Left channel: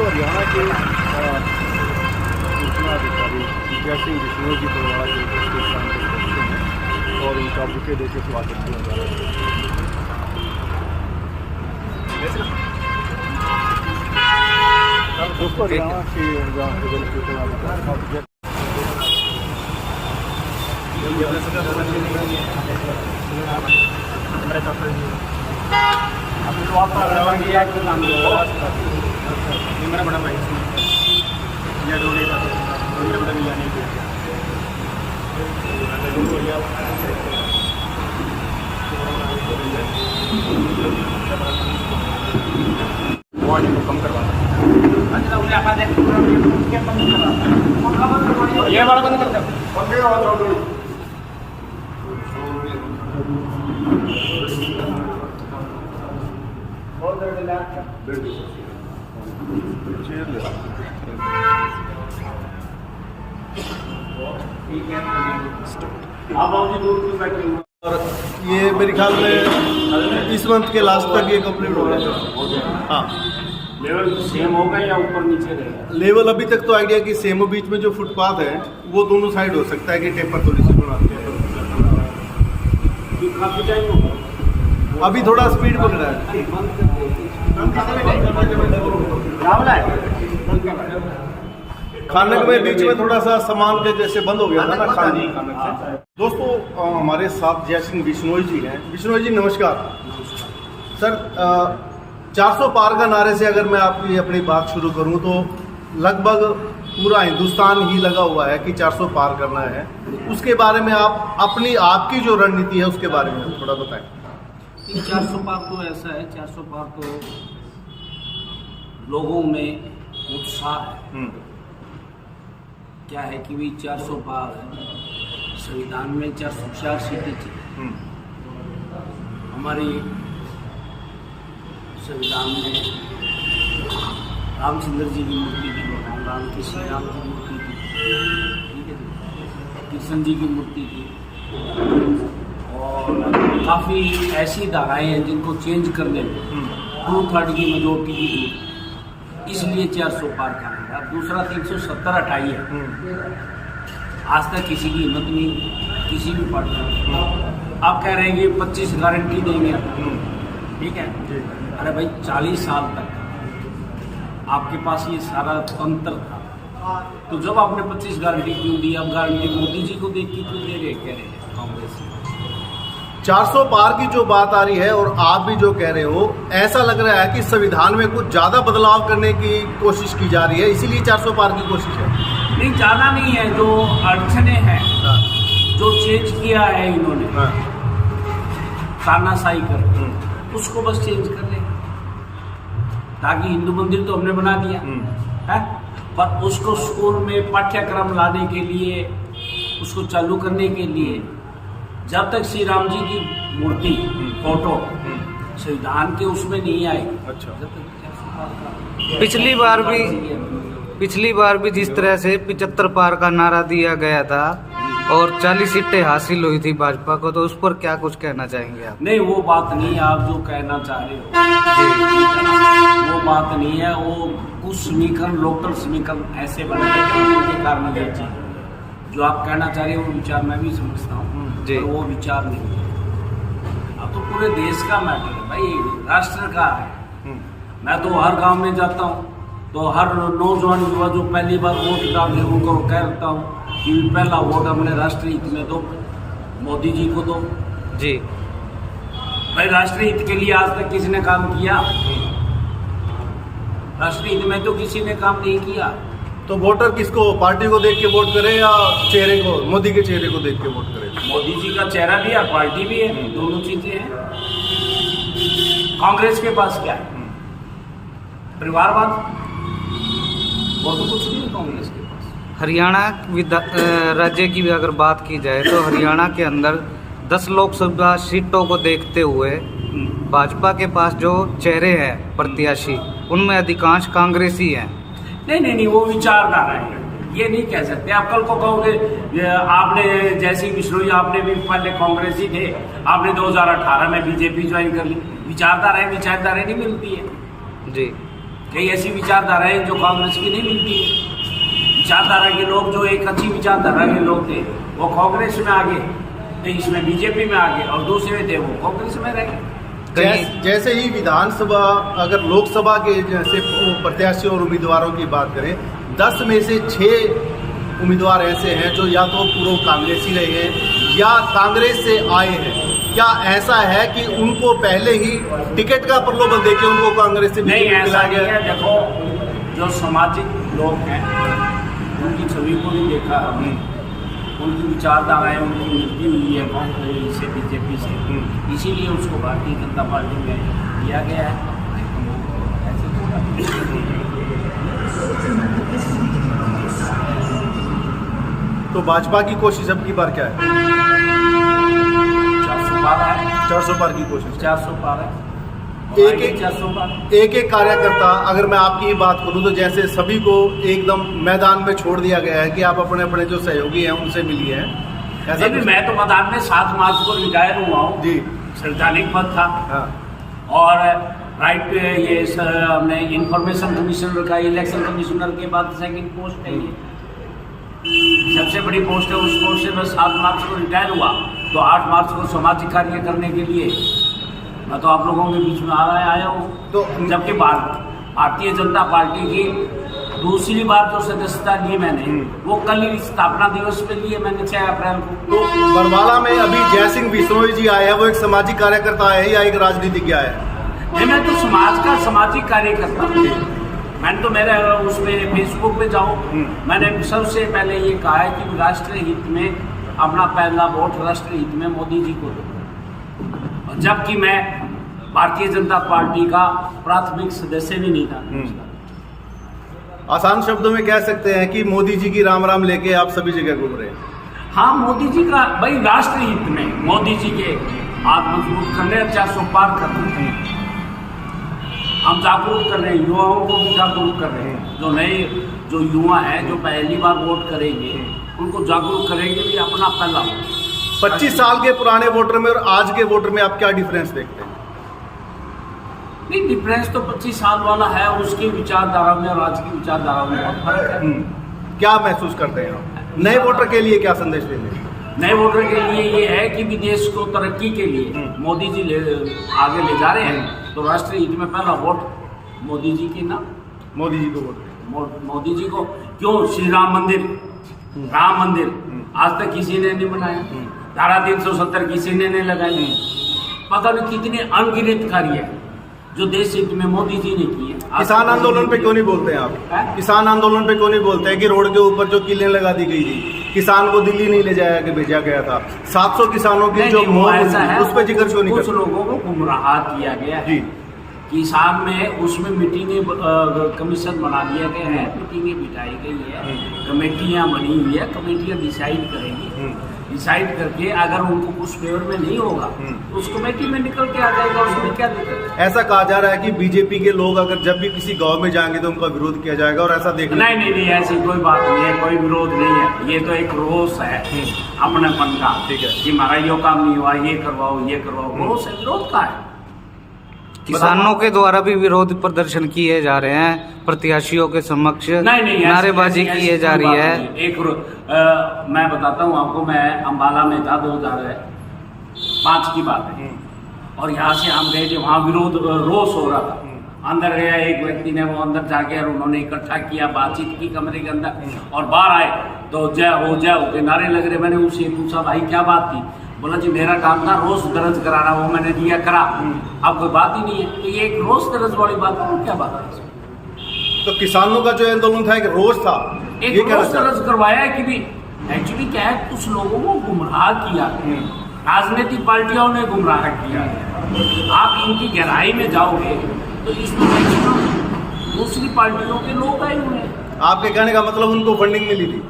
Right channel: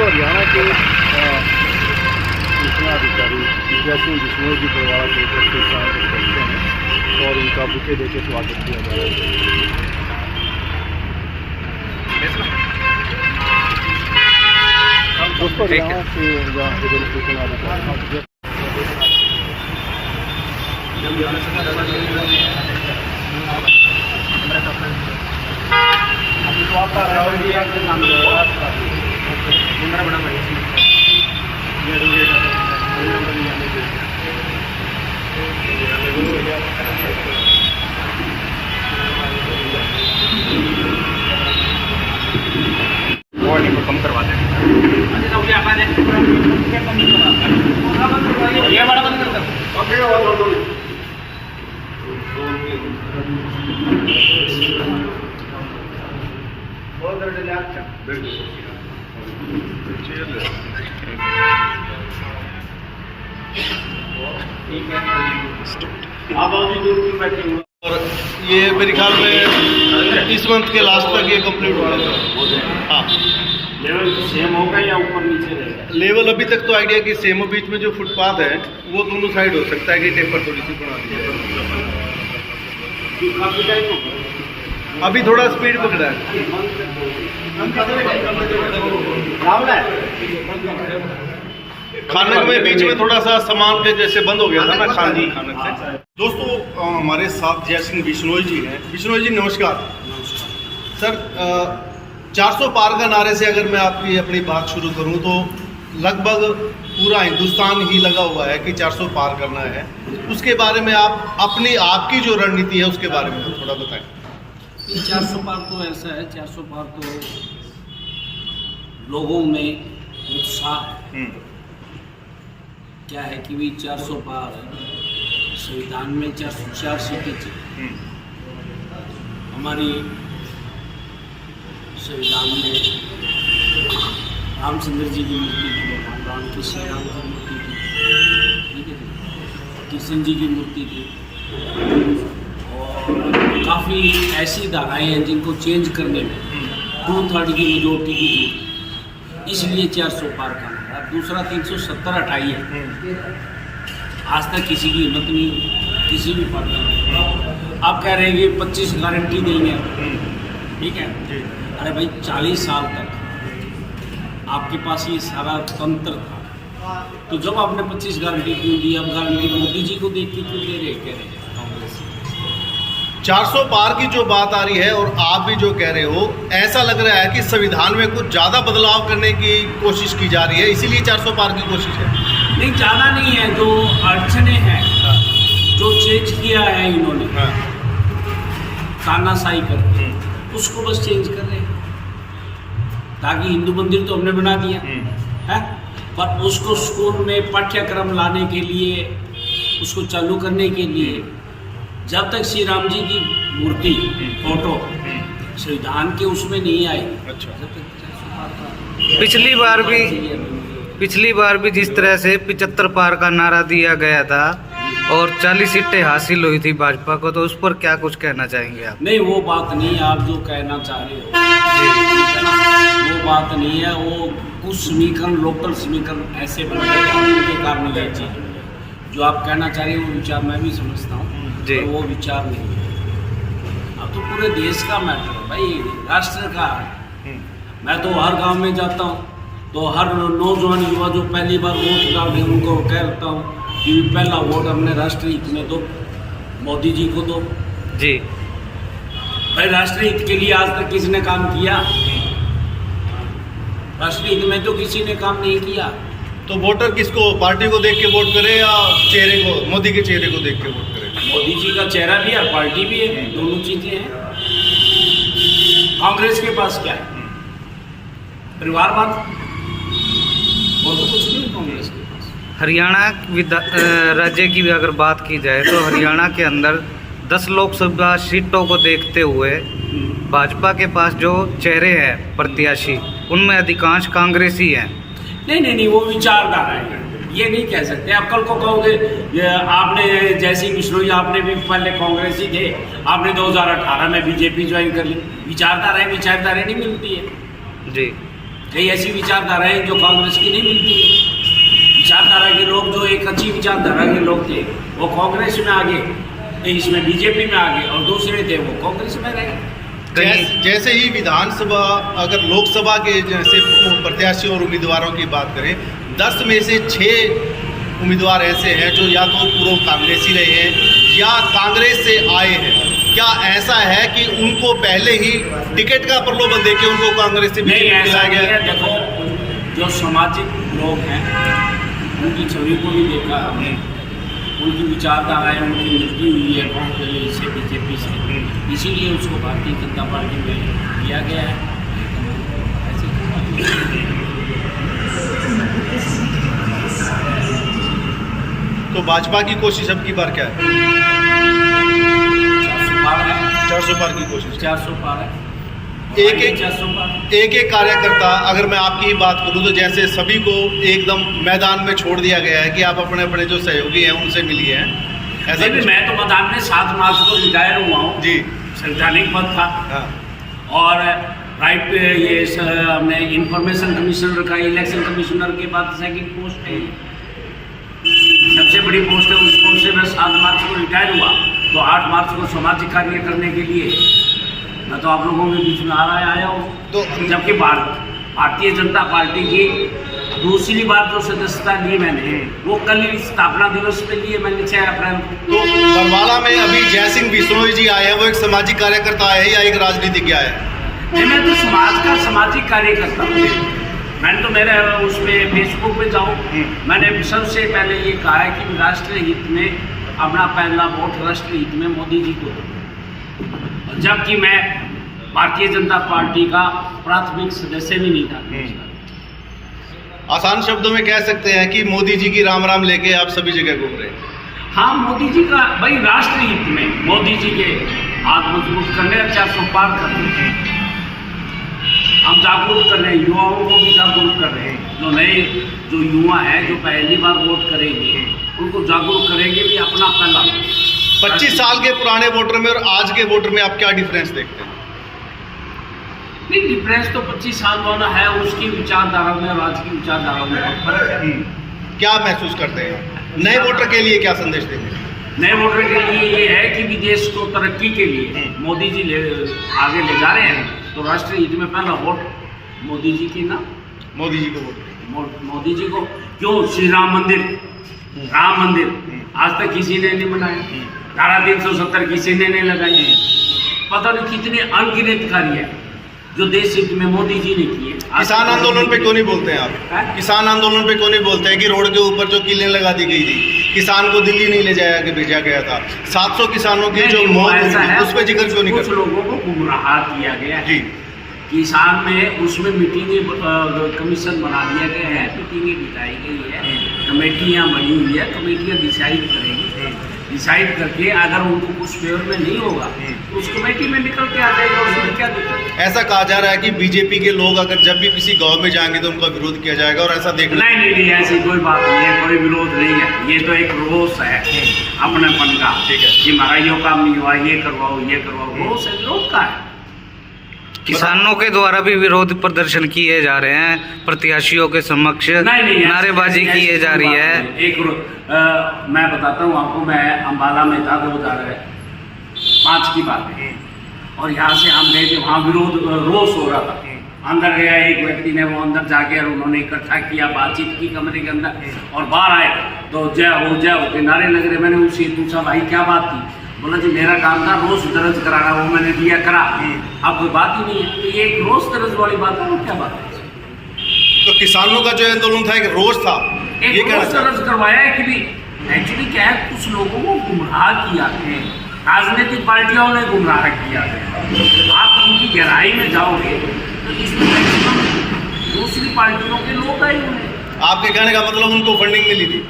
दोस्तों हरियाणा के सूचना अधिकारी जयसिंह बिश्नोई जी द्वारा दिलचस्प किसान करते हैं और उनका बुके देकर स्वागत किया जा रहा है। दोस्तों हरियाणा के सूचना अधिकारी अभी तो आपका रवैया के नाम ये वार्निंग को कम करवा दें। ये बड़ा बंद कर दो। ठीक है आप अभी दूर की बैठे और ये मेरे ख्याल में इस मंथ के लास्ट तक ये कंप्लीट हो जाएगा। हाँ, लेवल सेम होगा या ऊपर नीचे रहेगा? लेवल अभी तक तो आइडिया कि सेम बीच में जो फुटपाथ है वो दोनों साइड हो सकता है कि टेपर थोड़ी सी बढ़ा काफी टाइम होगा। अभी थोड़ा स्पीड पकड़ा है। खानक में बीच में थोड़ा सा सामान के जैसे बंद हो गया था ना खानजी खानक से। दोस्तों हमारे साथ जयसिंह बिश्नोई जी हैं। बिश्नोई जी नमस्कार। सर 400 पार का नारे से अगर मैं आपकी अपनी बात शुरू करूं तो लगभग पूरा हिंदुस्तान ही लगा हुआ है कि 400 पार करना है। उसके बारे में आपकी जो रणनीति है उसके बारे में थोड़ा बताएं। 400 पार तो ऐसा है, 400 पार तो लोगों में उत्साह है। क्या है कि भी 400 पार संविधान में 404 सीटें थी। हमारी संविधान में रामचंद्र जी की मूर्ति थी, भगवान राम की श्री राम की मूर्ति थी, ठीक है, कृष्ण जी की मूर्ति थी और काफ़ी ऐसी धाराएं हैं जिनको चेंज करने में 2/3 की मेजोरिटी की जरूरत है। इसलिए 400 पार का नारा। दूसरा 370 हटाई है। आज तक किसी की हिम्मत नहीं, किसी भी पार्टी में। आप कह रहे हैं कि 25 गारंटी देंगे, ठीक है। अरे भाई 40 साल तक आपके पास ये सारा तंत्र था, तो जब आपने 25 गारंटी क्यों दी? अब गारंटी मोदी जी को देख के क्यों दे रहे कह रहे हैं कांग्रेस? 400 पार की जो बात आ रही है और आप भी जो कह रहे हो, ऐसा लग रहा है कि संविधान में कुछ ज़्यादा बदलाव करने की कोशिश की जा रही है, इसीलिए 400 पार की कोशिश है। नहीं, ज़्यादा नहीं है। जो अड़चने हैं, जो चेंज किया है इन्होंने तानाशाही करके, उसको बस चेंज कर रहे हैं। ताकि हिंदू मंदिर तो हमने बना दिया है, पर उसको स्कूल में पाठ्यक्रम लाने के लिए, उसको चालू करने के लिए, जब तक श्री राम जी की मूर्ति फोटो संविधान के उसमें नहीं आई, अच्छा, जब तक 400 पार का पिछली बार भी जिस तरह से 75 पार का नारा दिया गया था और 40 सीटें हासिल हुई थी भाजपा को, तो उस पर क्या कुछ कहना चाहेंगे आप? नहीं, वो बात नहीं। आप जो कहना चाह रहे हो वो बात नहीं है। वो कुछ समीकरण, लोकल समीकरण ऐसे बन गए जिनके कारण ये चीज़ जो आप कहना चाह रहे हो, वो विचार मैं भी समझता हूँ, पर वो विचार नहीं है। अब तो पूरे देश का मैटर है भाई, राष्ट्र का है। मैं तो हर गांव में जाता हूँ तो हर नौजवान युवा जो पहली बार वोट डाल रहे उनको कहता हूँ कि पहला वोट अपने राष्ट्रीय हित में दो, मोदी जी को दो जी। भाई राष्ट्रीय हित के लिए आज तक किसने काम किया? राष्ट्रीय हित में तो किसी ने काम नहीं किया। तो वोटर किसको, पार्टी को देख के वोट करे या चेहरे को, मोदी के चेहरे को देख के वोट करे? मोदी जी का चेहरा भी है, पार्टी भी है, दोनों चीजें हैं। कांग्रेस के पास क्या है? परिवारवाद, वो तो कुछ नहीं कांग्रेस के पास। हरियाणा राज्य की भी अगर बात की जाए तो हरियाणा के अंदर 10 लोकसभा सीटों को देखते हुए भाजपा के पास जो चेहरे हैं प्रत्याशी, उनमें अधिकांश कांग्रेसी हैं। नहीं, वो विचारधारा है, ये नहीं कह सकते। आप कल को कहोगे आपने जयसिंह बिश्नोई, आपने भी पहले कांग्रेसी थे, आपने 2018 में बीजेपी ज्वाइन कर ली। विचारधारा नहीं मिलती है जी। कई ऐसी विचारधाराएं जो कांग्रेस की नहीं मिलती है। विचारधारा के लोग जो एक अच्छी विचारधारा के लोग थे वो कांग्रेस में आ गए, इसमें बीजेपी में आ गए, और दूसरे थे वो कांग्रेस में रह गए। जैसे ही विधानसभा, अगर लोकसभा के जैसे प्रत्याशी और उम्मीदवारों की बात करें, 10 में से 6 उम्मीदवार ऐसे हैं जो या तो पूर्व कांग्रेसी रहे हैं या कांग्रेस से आए हैं। क्या ऐसा है कि उनको पहले ही टिकट का प्रलोभन देके उनको कांग्रेस से नहीं, ऐसा नहीं है। देखो, जो सामाजिक लोग हैं उनकी छवि को भी देखा हमने, उनकी विचारधाराएं उनकी मिलती हुई है कांग्रेस से, बीजेपी से, इसीलिए उसको भारतीय जनता पार्टी में लिया गया है। तो भाजपा की कोशिश अब की बार क्या है? 400 पार है, 400 पार की कोशिश। 400 पार है, एक 400 पार। एक कार्यकर्ता, अगर मैं आपकी ही बात करूं तो जैसे सभी को एकदम मैदान में छोड़ दिया गया है कि आप अपने अपने जो सहयोगी हैं उनसे मिलिए हैं, ऐसा नहीं, मैं तो मैदान में 7 मार्च को रिटायर हुआ हूँ जी। संवैधानिक पद था। हाँ। और राइट पे ये हमने इंफॉर्मेशन कमिश्नर का, इलेक्शन कमिश्नर के बाद सेकंड पोस्ट है, सबसे बड़ी पोस्ट है। उस पोस्ट से मैं 7 मार्च को रिटायर हुआ, तो 8 मार्च को सामाजिक कार्य करने के लिए मैं तो आप लोगों के बीच में आया हूँ। तो जबकि भारतीय जनता पार्टी की दूसरी बार जो सदस्यता ली मैंने, वो कल ही स्थापना दिवस पे लिए मैंने 6 अप्रैल को। तो बरवाला में अभी जयसिंह बिश्नोई जी आए हैं, वो एक सामाजिक कार्यकर्ता है या एक राजनीतिज्ञ है? नहीं, मैं तो समाज का सामाजिक कार्य करता हूँ। मैंने तो मेरे उसमें फेसबुक पे जाऊँ, मैंने सबसे पहले ये कहा है कि राष्ट्र हित में अपना पहला वोट राष्ट्र हित में मोदी जी को दो, जबकि मैं भारतीय जनता पार्टी का प्राथमिक सदस्य भी नहीं था। आसान शब्दों में कह सकते हैं कि मोदी जी की राम राम लेके आप सभी जगह घूम रहे हैं। हाँ, मोदी जी का भाई राष्ट्र हित में मोदी जी के हाथ मजबूत करने, 400 पार करने हम जागरूक कर रहे हैं, युवाओं को भी जागरूक कर रहे हैं। जो नए जो युवा हैं जो पहली बार वोट करेंगे उनको जागरूक करेंगे भी अपना पहला। 25 साल के पुराने वोटर में और आज के वोटर में आप क्या डिफरेंस देखते हैं? नहीं, डिफरेंस तो 25 साल वाला है, उसकी विचारधारा में और आज की विचारधारा में बहुत फर्क है। क्या महसूस करते हैं? नए वोटर के लिए क्या संदेश देंगे? नए वोटर के लिए ये है कि विदेश को तरक्की के लिए मोदी जी आगे ले जा रहे हैं, तो राष्ट्रीय हित में पहला वोट मोदी जी की ना, मोदी जी को वोट। मोदी जी को क्यों? श्री राम मंदिर, राम मंदिर आज तक किसी ने नहीं बनाया, धारा 370 किसी ने नहीं लगाई, पता नहीं कितने अनगिनत कार्य जो देश हित में मोदी जी ने किए। किसान आंदोलन पे क्यों नहीं बोलते हैं आप? किसान आंदोलन पे क्यों नहीं बोलते हैं कि रोड के ऊपर जो किलें लगा दी गई थी, किसान को दिल्ली नहीं ले जाया के भेजा गया था, 700 किसानों की जो मौत हुई उस पर जिक्र क्यों नहीं? कुछ लोगों को गुमराह किया गया है। किसान में उसमें मीटिंगें कमीशन बना दिए गए हैं, मीटिंगें बिठाई गई है, कमेटियाँ बनी हुई है, कमेटियाँ डिसाइड करेंगी, डिसाइड करके अगर उनको कुछ फेवर में नहीं होगा तो उस कमेटी में निकल के आ जाएगा, उसमें क्या दिक्कत? ऐसा कहा जा रहा है कि बीजेपी के लोग अगर जब भी किसी गांव में जाएंगे तो उनका विरोध किया जाएगा, और ऐसा देखना नहीं, ऐसी कोई बात नहीं है, कोई विरोध नहीं है। ये तो एक रोष है अपनेपन का, ठीक है, कि हमारा ये काम नहीं हुआ, ये करवाओ, रोष है, विरोध का है। किसानों के द्वारा भी विरोध प्रदर्शन किए जा रहे हैं, प्रत्याशियों के समक्ष नारेबाजी की जा रही है। मैं बताता हूँ आपको, मैं अम्बाला में था 2005 की बात है, और यहाँ से हम गए थे, वहाँ विरोध रोष हो रहा था। अंदर गया एक व्यक्ति ने, वो अंदर जाके और उन्होंने इकट्ठा किया, बातचीत की कमरे के अंदर, और बाहर आए तो जय हो के नारे लग रहे। मैंने उनसे पूछा, भाई क्या बात थी? बोला जी मेरा काम था रोज दर्ज कराना, वो मैंने दिया करा, अब कोई बात ही नहीं है। तो ये एक रोज दर्ज वाली बात है, वो क्या बात है? तो किसानों का जो आंदोलन था एक रोज था, एक रोज दर्ज करवाया है कि भी एक्चुअली क्या है, कुछ लोगों को गुमराह किया है, राजनीतिक पार्टियों ने गुमराह किया है। आप उनकी गहराई में जाओगे तो इसमें मैक्सिमम दूसरी पार्टियों के लोग आए हुए हैं। आपके कहने का मतलब उनको फंडिंग मिली थी?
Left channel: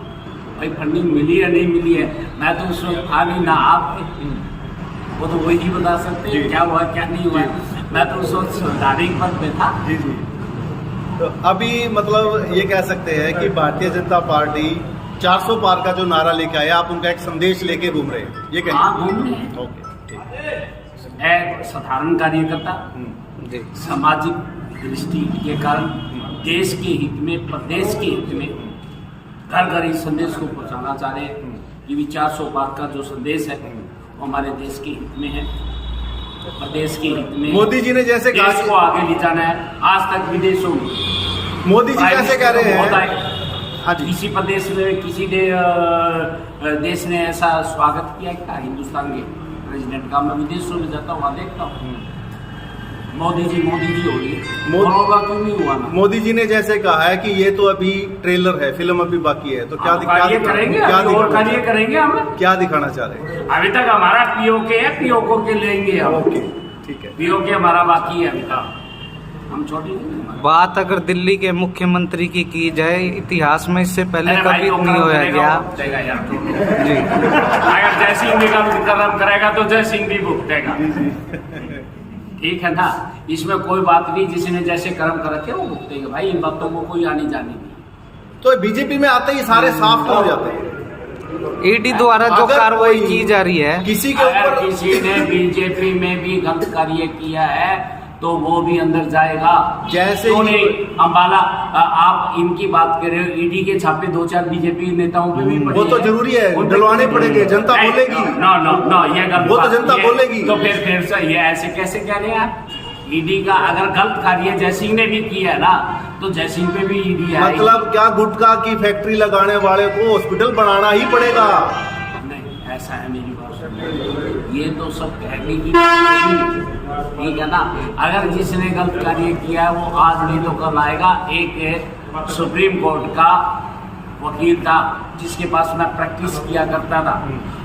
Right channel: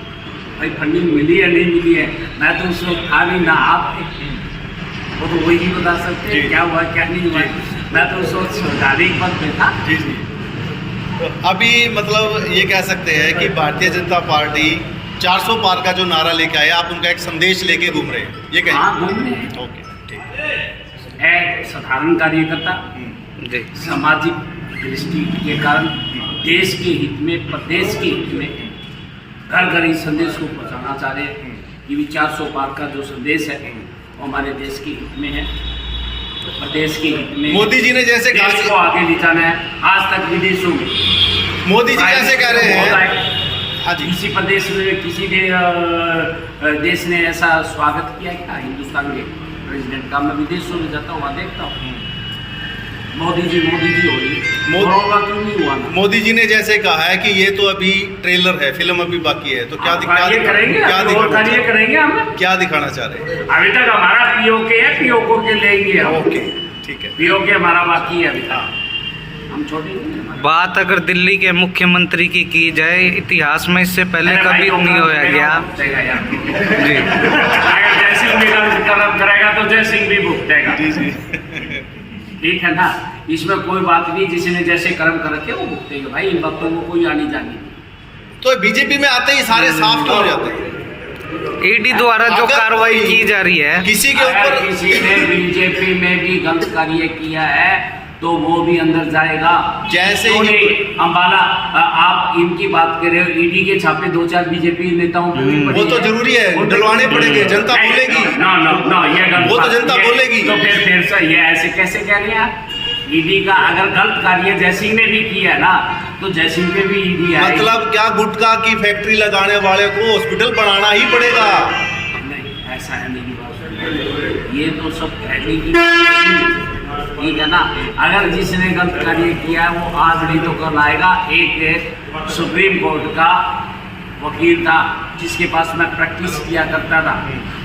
भाई फंडिंग मिली है नहीं मिली है, मैं तो उस वक्त था नहीं ना, आप वो तो वही बता सकते हैं क्या हुआ क्या नहीं हुआ। मैं तो उस वक्त संवैधानिक पद पे था। जी। तो अभी मतलब ये कह सकते हैं कि भारतीय जनता पार्टी 400 पार का जो नारा लेके आया, आप उनका एक संदेश लेके घूम रहे हैं, ये कहें? हाँ, घूम रहे हैं। ओके, ठीक है साधारण कार्यकर्ता, सामाजिक दृष्टि के कारण देश के हित में, प्रदेश के हित में घर घर इस संदेश को पहुंचाना चाह रहे हैं कि भी 400 पार का जो संदेश है वो हमारे देश के हित में है, प्रदेश के हित में। मोदी जी ने जैसे कहा, देश को आगे ले जाना है। आज तक विदेशों में मोदी जी जैसे कह रहे बहुत हैं, आए। हाँ जी, किसी प्रदेश में किसी देश ने ऐसा स्वागत किया क्या हिंदुस्तान के प्रेसिडेंट का? मैं विदेशों में जाता हूँ, वहाँ देखता हूँ मोदी जी हो रही है। होगा क्यों नहीं हुआ ना? मोदी जी ने जैसे कहा है कि ये तो अभी ट्रेलर है, फिल्म अभी बाकी है, तो क्या कार्य करेंगे, हम क्या दिखाना चाह रहे हैं? अभी तक हमारा पीओके है, पीओके के लेंगे हम। ओके, ठीक है, पीओके हमारा बाकी है अभी तक, हम छोटे नहीं हैं। बात अगर दिल्ली के मुख्यमंत्री की जाए, इतिहास में इससे पहले कभी नहीं होया गया जी। अगर जय सिंह भी कर्म करेगा तो जय सिंह भी भुगतेगा, जी जी, ठीक है ना? इसमें कोई बात नहीं, जिसने जैसे कर्म कर रखे वो भुगतेगा भाई, इन बातों को कोई आनी जानी नहीं। तो बीजेपी में आते ही सारे साफ तो हो जाते हैं। ईडी द्वारा जो कार्रवाई की जा रही है, किसी के अगर ऊपर किसी ने बीजेपी में भी गलत कार्य किया है तो वो भी अंदर जाएगा। जैसे क्यों नहीं? अम्बाला, आप इनकी बात कर रहे हो, ईडी के छापे 2-4 बीजेपी नेताओं पे भी पड़े वो तो हैं। जरूरी है, डलवाने पड़ेंगे, जनता बोलेगी। ना ये गलत वो तो बात जनता है। बोलेगी। तो फिर से ये ऐसे कैसे कह रहे हैं आप? ईडी का अगर गलत कार्य जयसिंह ने भी किया ना तो जयसिंह पे भी ईडी आएगी। मतलब क्या गुटखा की फैक्ट्री लगाने वाले को हॉस्पिटल बनाना ही पड़ेगा? नहीं, ऐसा है मेरी बात सुनिए। ये तो सब कहने की बात है, ठीक है ना? अगर जिसने गलत कार्य किया है वो आज नहीं तो कल आएगा। एक सुप्रीम कोर्ट का वकील था जिसके पास मैं प्रैक्टिस किया करता था,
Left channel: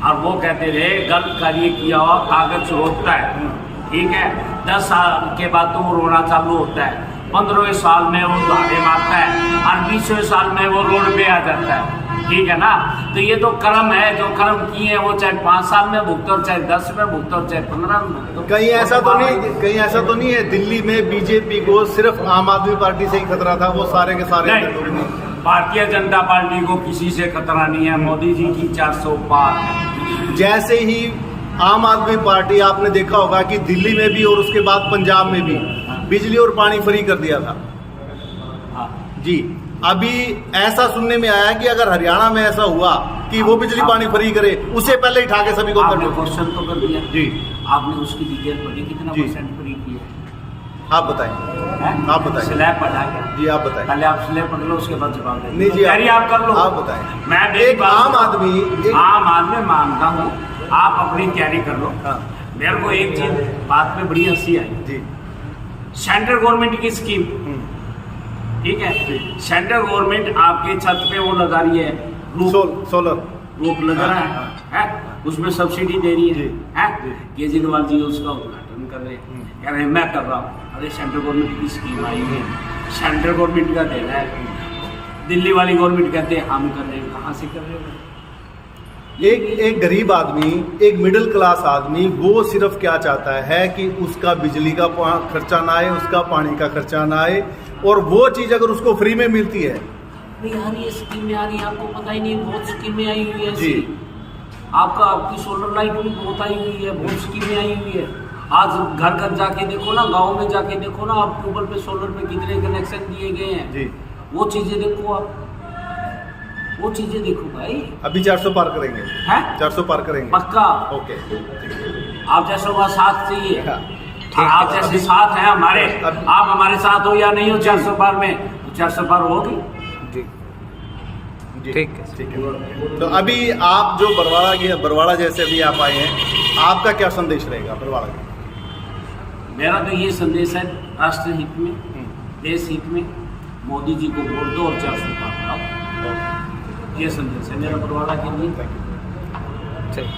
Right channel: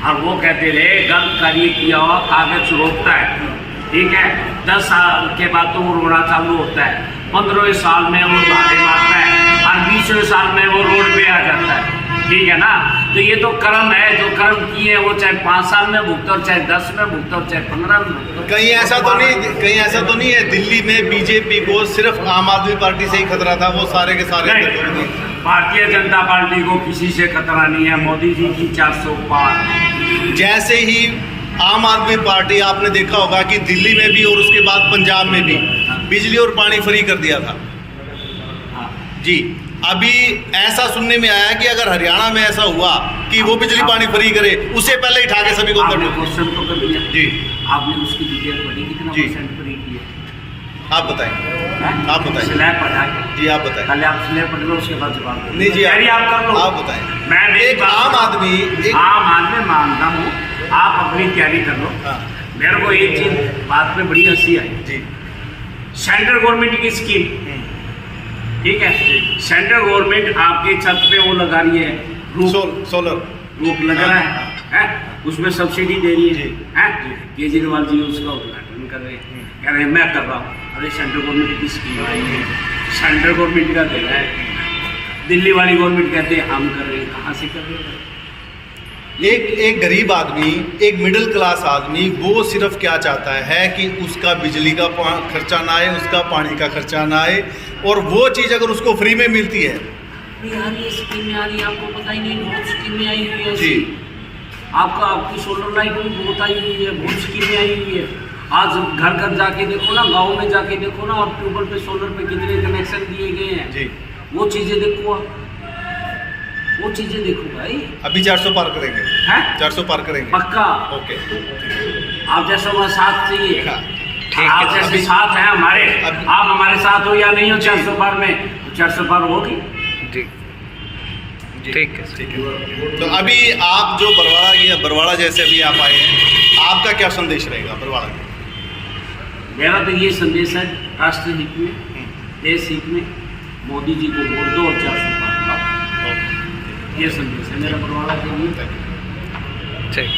और वो कहते रहे गलत कार्य किया हुआ कागज रोकता है, ठीक है? 10 साल के बाद तो वो रोना चालू होता है, 15वें साल में वो झाड़े मारता है, और 20वें साल में वो रोड पे आ जाता है, ठीक है ना? तो ये तो कर्म है, जो कर्म किए वो चाहे 5 साल में भुगतो, और चाहे 10 में भुगतो, और चाहे 15 में भुगतो। कहीं ऐसा तो नहीं है दिल्ली में बीजेपी को सिर्फ आम आदमी पार्टी से ही खतरा था, वो सारे के सारे नहीं, भारतीय जनता पार्टी को किसी से खतरा नहीं है। मोदी जी की 400 पार। जैसे ही आम आदमी पार्टी, आपने देखा होगा कि दिल्ली में भी और उसके बाद पंजाब में भी बिजली और पानी फ्री कर दिया था। हाँ। जी, अभी ऐसा सुनने में आया कि अगर हरियाणा में ऐसा हुआ कि वो बिजली पानी फ्री करे, उससे पहले ही ठाके सभी को आपने क्वेश्चन तो कर दिया जी, आपने उसकी डिटेल पढ़ी, कितना जी। परसेंट फ्री किया? आप बताएं, आप बताएं। स्लैब पढ़ा के जी आप बताएं। पहले आप स्लैब पढ़ लो, उसके बाद जवाब दो। नहीं जी, तैयारी आप कर लो, आप बताएं। मैं मेरी एक बात आम सुनो। आदमी आम आदमी मानता हूँ, आप अपनी तैयारी कर लो। हाँ, मेरे को एक चीज बात में बड़ी हंसी आई, जी, सेंट्रल गवर्नमेंट की स्कीम, ठीक है? सेंट्रल गवर्नमेंट आपके छत पे वो लगा रही है, सोलर रूप लग रहा है, उसमें सब्सिडी दे रही जी। है। केजरीवाल जी उसका उद्घाटन कर रहे हैं, कह रहे हैं मैं कर रहा हूँ। अरे सेंट्रल गवर्नमेंट की स्कीम आई है, सेंट्रल गवर्नमेंट का दे रहा है, दिल्ली वाली गवर्नमेंट कहते हैं हम कर रहे हैं। कहाँ से कर रहे हैं? एक गरीब आदमी, एक मिडिल क्लास आदमी, वो सिर्फ क्या चाहता है कि उसका बिजली का खर्चा ना आए, उसका पानी का खर्चा ना आए, और वो चीज़ अगर उसको फ्री में मिलती है। यार ये स्कीमें आ रही है, आपको पता ही नहीं, बहुत स्कीमें आई हुई है जी, आपकी सोलर लाइट भी बहुत आई हुई है, बहुत स्कीमें आई हुई है। आज घर घर जाके देखो ना, गाँव में जाके देखो ना, आप ट्यूबवेल पे सोलर पे कितने कनेक्शन दिए गए हैं जी, वो चीज़ें देखो आप, वो चीज़ें देखो भाई। अभी 400 पार करेंगे, हैं? 400 पार करेंगे, पक्का। ओके। आप जैसा का साथ चाहिए, हाँ, आप जैसे साथ हैं हमारे, आप हमारे साथ हो या नहीं हो 400 पार में, तो 400 पार होगी। जी, ठीक है। ठीक है। तो अभी आप जो बरवाड़ा जैसे अभी आप आए हैं, आपका क्या संदेश रहेगा बरवाड़ा का? मेरा तो ये संदेश है, राष्ट्र हित में, देश हित में मोदी जी को वोट दो और 400 पार कराओ, ये संदेश है मेरा बरवाड़ा के लिए। ठीक।